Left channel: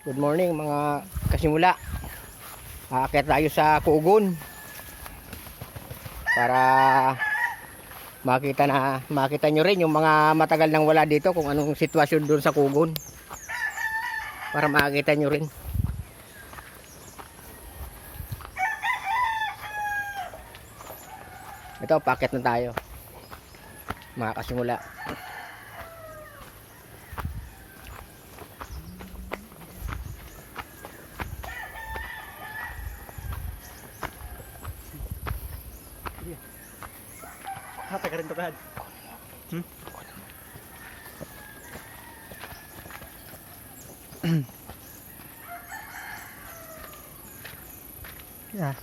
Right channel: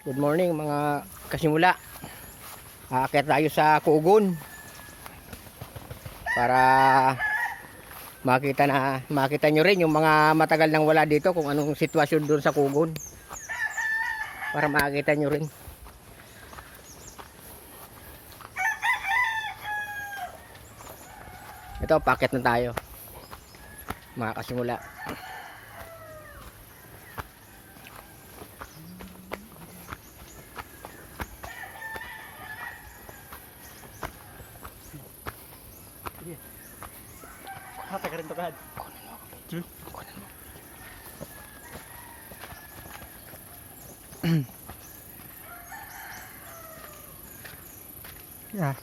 Good morning mga kasimula. Aakyat tayo sa Kugon para makita nyo rin yung mga matagal nang wala dito kung anong sitwasyon doon sa Kugon, para makita nyo rin. Ito, paakyat na tayo mga kasimula. Hata ka rin to kahad. Yeah.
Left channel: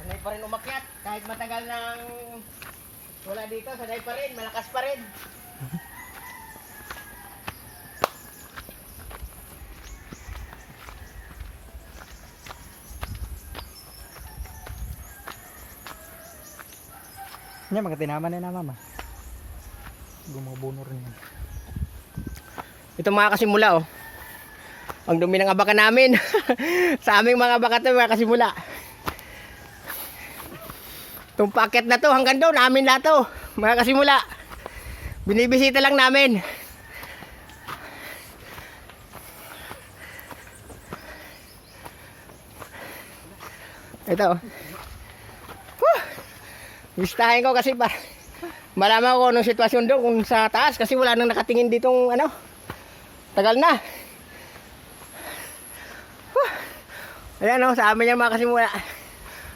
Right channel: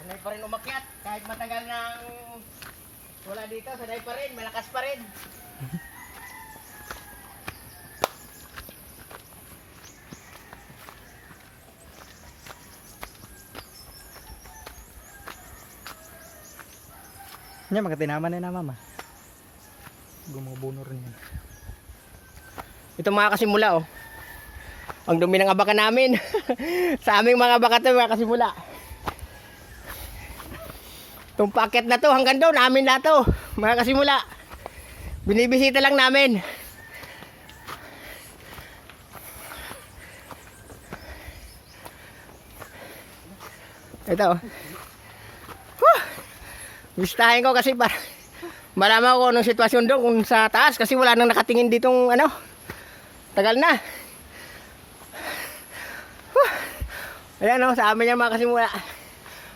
Sanay pa rin umakyat kahit matagal nang wala dito, sanay pa rin, malakas pa rin. Nya mga tinaman na mama. Gumubuno rin yan. Ito mga kasimula, oh. Ang dumi ng abaka namin. Sa aming mga abaka to mga kasimula. Itong packet na to hanggang doon, amin na to mga kasimula. Binibisita lang namin. Ito, oh. Listahin ko kasi para malaman ko anong sitwasyon doon kung sa taas, kasi wala nang nakatingin ditong ano. Tagal na. Ayan, oh, sa amin yan mga kasimula.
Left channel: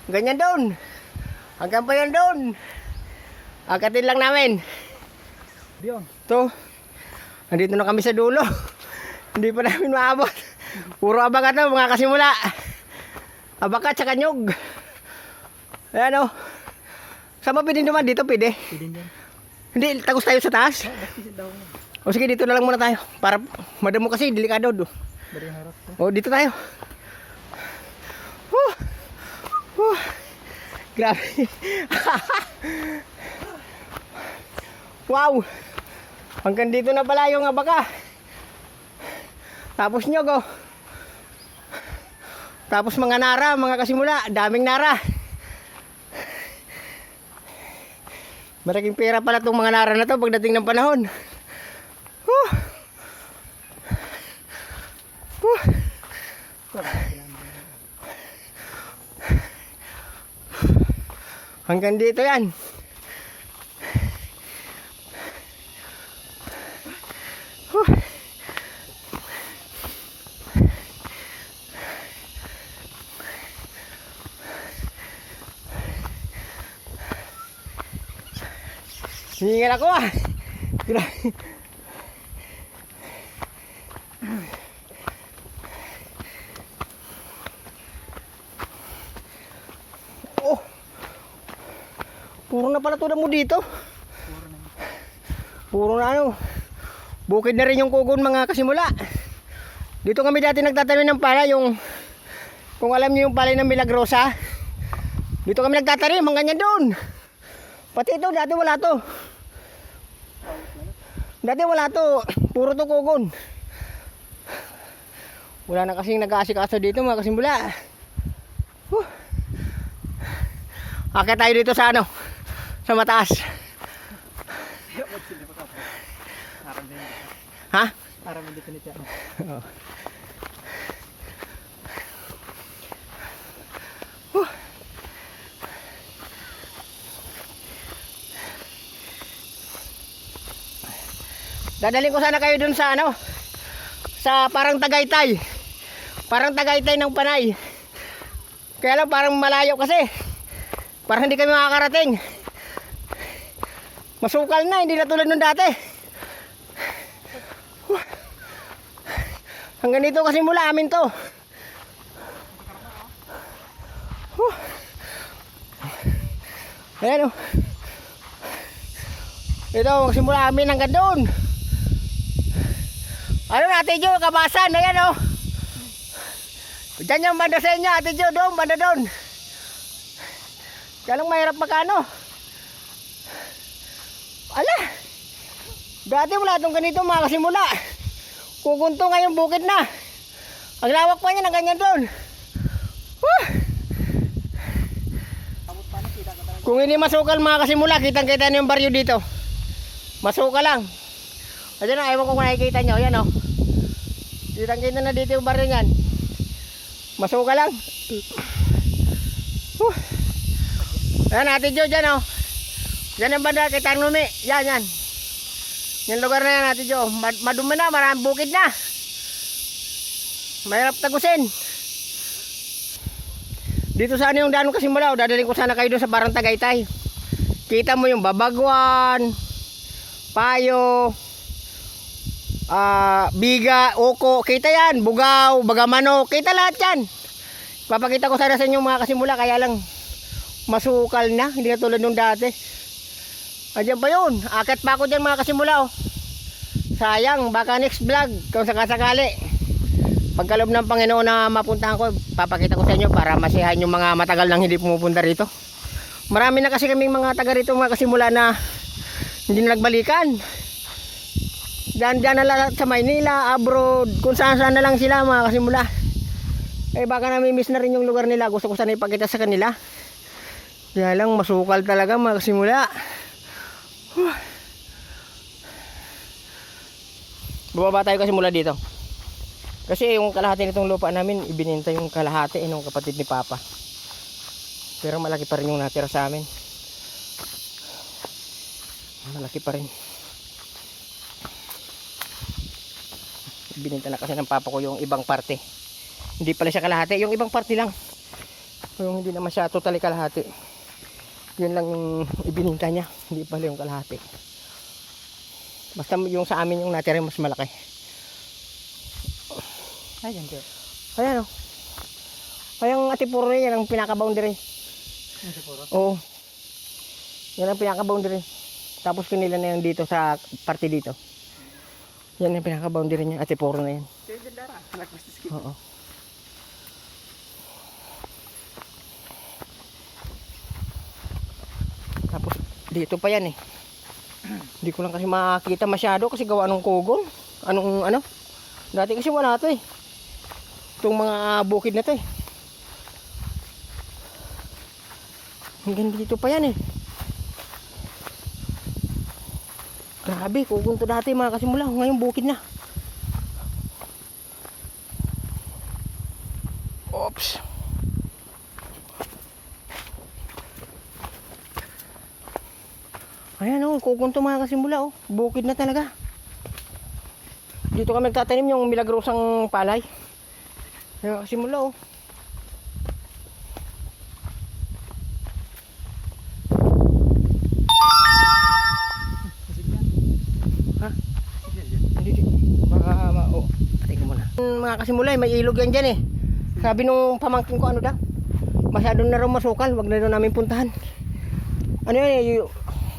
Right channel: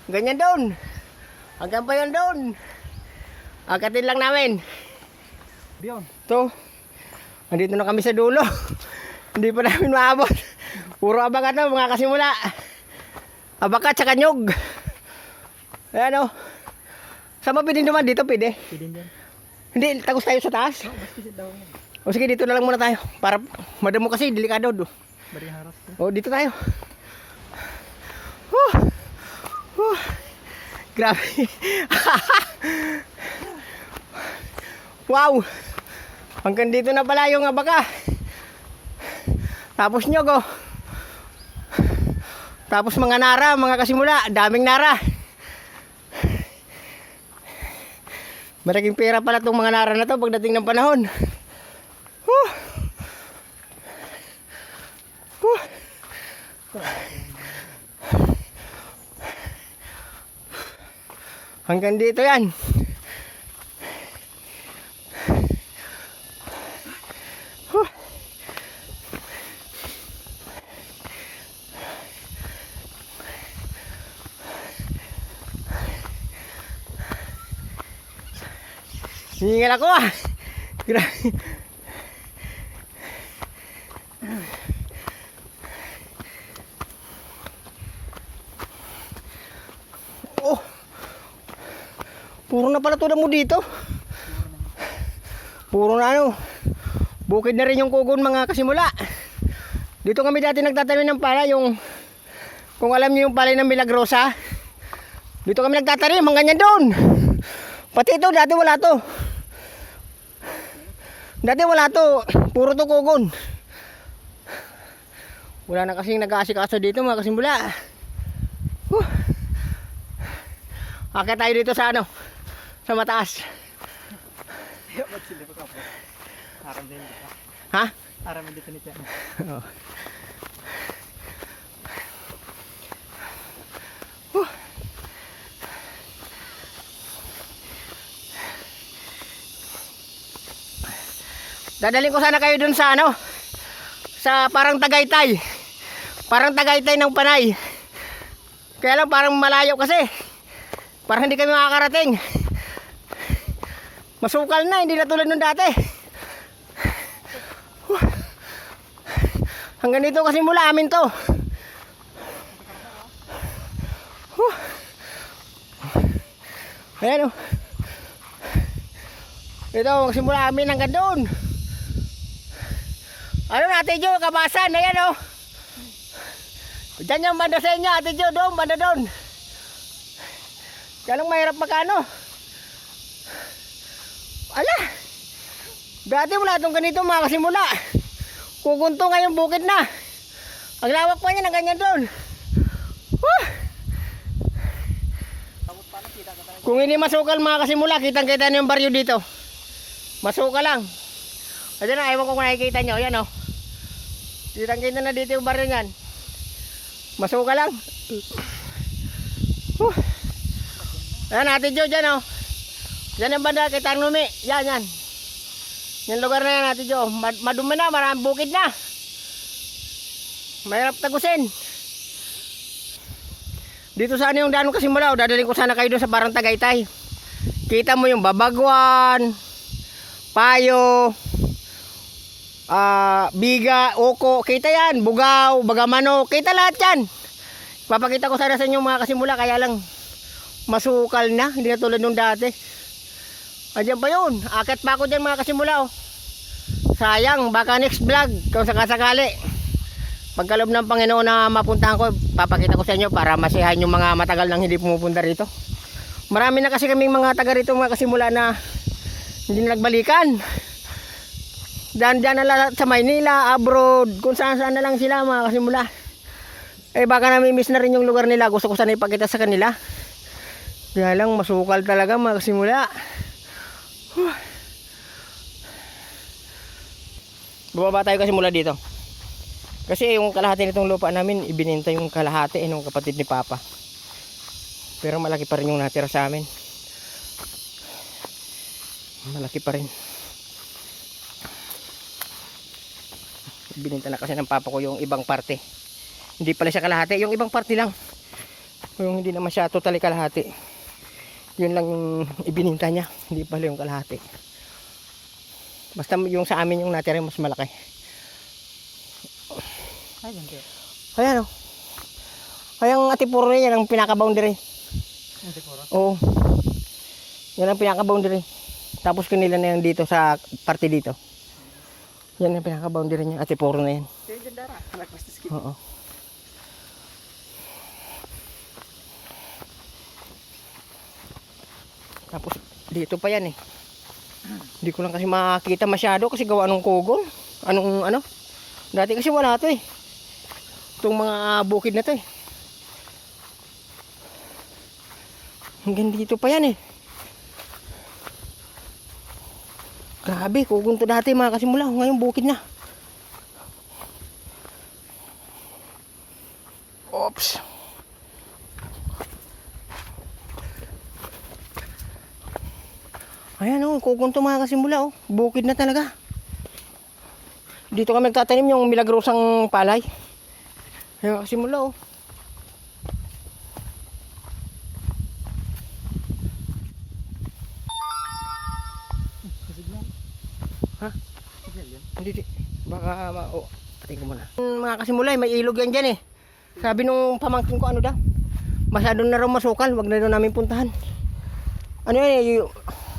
Ganyan doon. Hanggang pa yan doon. Angkatin lang namin. Diyon. Ito. Nandito na kami sa dulo. Hindi pa namin maabot. Puro abaka to mga kasimula. Abaka tsaka nyug. Ayan, oh. Sama pwedeng duman dito, pwede. Pwede dyan. Hindi, tagos tayo sa taas. O sige, dito na lang muna tayo. Para madamo kasi, delikado do. Dari harap. O, dito tayo. Grabe. Wow. Hanggang dito na pala yung abaka. Tapos nyog, oh. Tapos mga nara, mga kasimula. Daming nara. Malaking pera pala itong mga nara na to pagdating ng panahon. Hanggang dito yan. Hiningal ako, ah. Grabe. Oh. Puro na pala tulad mo dito. Puro na ano. Bukid na rin yung Kugon mga kasimula. Dito kami dati nagtatanim ng pala, yung kung alam niyo yung palay ng Milagrosa. Dito kami nagtatanim, ang ganyan doon. Pati ito, dati wala to. Dati wala to, puro to Kugon. Wala na kasing nag-aasikaso dito mga kasimula. Akit tayo dito sa ano, sa mataas. Ha? Para hindi ko nito. Oo. Dadalhin ko sana kayo dun sa ano, sa parang Tagaytay. Parang Tagaytay ng Panay. Kaya lang parang malayo kasi. Parang hindi kami makakarating. Masukal na, hindi na tulad nung dati. Hanggang dito kasi mula amin to. Ayan, oh. Ito, magsimula amin hanggang doon. Ano na, Ate Jo, kabasan, ayan, oh. Diyan yung banda sa inyo, Ate Jo, doon, banda doon. Kaya lang mahirap magkano. Ala, Dati wala itong ganito mga kasimula. Kukunto ngayon bukid na. Ang lawak pa niya na ganyan doon. Kung hindi masukal mga kasimula, kitang-kita nyo yung baryo dito. Masukal lang. Kasi na, ewan ko kung nakikita nyo. Yan o. Kitang-kita na dito yung baryo nyan. Masukal lang. Ayan, Ate Jo, dyan o. Dyan ang banda, kay Tarnumi. Yan, yan. Yung lugar na yan, Ate Jo. Madumi na, maraming bukid na. Mahirap tagusin. Dito saan yung daan kasi mula, dadaling ko sana kayo doon sa Barang Tagaytay. Kita mo yung Babagwan, Payo, Biga, Oko, kita yan, Bugaw, Bagamano, kita lahat yan. Papakita ko sana sa inyo mga kasimula, kaya lang masukal na, hindi na tulad nung dati. Andiyan pa yun, akit pa ako dyan mga kasimula. Oh. Sayang, baka next vlog, kung sakasakali. Pagkalob ng Panginoon na mapuntahan ko, papakita ko sa inyo para masiyahan yung mga matagal nang hindi pumupunta rito. Marami na kasi kaming mga taga rito mga kasimula na hindi na nagbalikan. Diyan na lang sa Maynila, abroad, kung saan na lang sila mga kasimula. Eh baka nami-miss na rin yung lugar nila, gusto ko sana ipakita sa kanila. Kaya lang masukal talaga mga kasimula. Bumaba tayo kasimula dito. Kasi yung kalahati nitong lupa namin, ibininta yung kalahati ng kapatid ni Papa. Pero malaki pa rin yung natira sa amin. Malaki pa rin. Ibininta na kasi ng Papa ko yung ibang parte. Hindi pala siya kalahati, yung ibang parte lang. Yung hindi naman siya totally kalahati. Yun lang yung ibininta niya, hindi pala yung kalahati. Basta yung sa amin yung natira mas malaki. Ayan ko. Ayan o. Kayang atipuro na yan ang pinaka-boundary. Atipuro? Oo. Yan ang pinaka-boundary. Tapos kanila na yan dito sa parte dito. Yan ang pinaka-boundary niya. Atipuro na yan. Oo. Tapos dito pa yan eh. Hindi ko lang kasi makakita masyado kasi gawa ng kugol. Anong ano? Dati kasi wala to eh. Itong mga bukid na to eh. Hanggang dito pa yan eh. Grabe, kugunto dati mga kasimula. Ngayon bukid na. Oops. Ayan o, kukunto mga kasimula o. Bukid na talaga. Dito kami nagtatanim yung milagrosang palay. Ayan kasimula o. Ha? Dito. Baka ating ko muna. Mga kasimula, may ilog yan dyan eh. Sabi nung pamangkin ko ano daw. Masyado na raw masukal, wag na daw namin puntahan. Ano yun,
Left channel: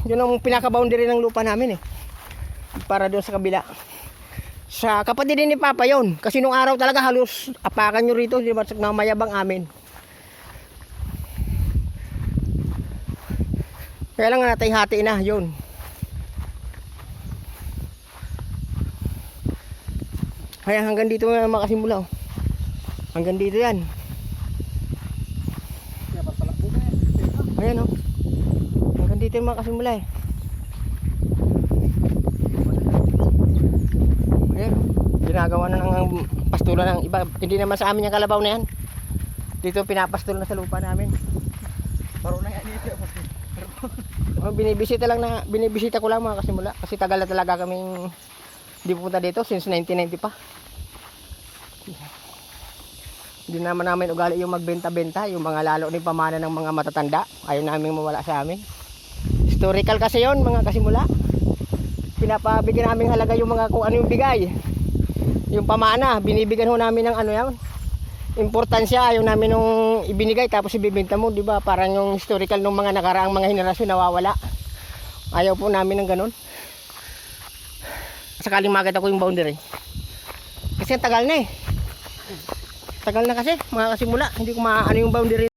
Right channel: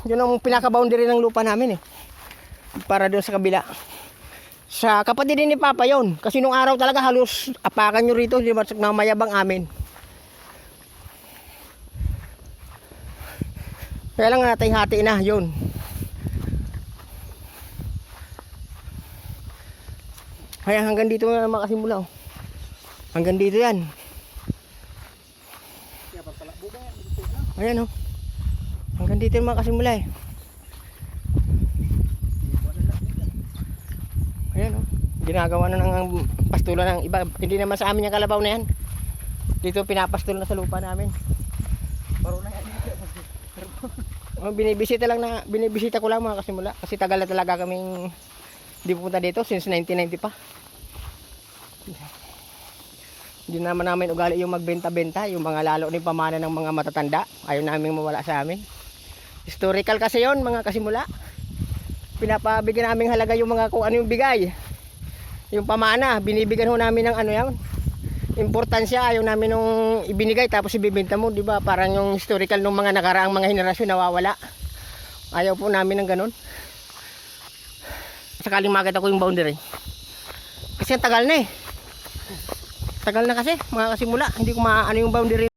yun ang pinaka-boundary ng lupa namin eh. Para doon sa kabila. Sa kapatid din ni Papa yon. Kasi nung araw talaga halos apakan nyo rito. Di ba na mayabang amin. Kaya lang natay-hati na yun. Kaya hanggang dito na makasimula. Oh. Hanggang dito yan. Ayan oh. Hanggang dito na makasimula eh. Ayan o, ginagawa na ng pastula ng iba. Hindi naman sa amin yung kalabaw na yan. Dito pinapastol na sa lupa namin. Binibisita ko lang mga kasimula. Kasi tagal na talaga kaming hindi pupunta dito since 1990 pa. Hindi naman namin ugali yung magbenta-benta. Yung mga lalo ni pamana ng mga matatanda. Ayaw namin mawala sa amin. Historical kasi yon mga kasimula. Pinapabigyan namin halaga yung mga kung ano yung bigay. Yung pamana, binibigyan ho namin ng ano yan. Importansya, ayaw namin nung ibinigay tapos ibibenta mo, di ba? Parang yung historical ng mga nakaraang mga henerasyon nawawala. Ayaw po namin ng ganun. Sakaling makita ko yung boundary. Kasi tagal na eh. Tagal na kasi, mga kasimula. Hindi ko maano yung boundary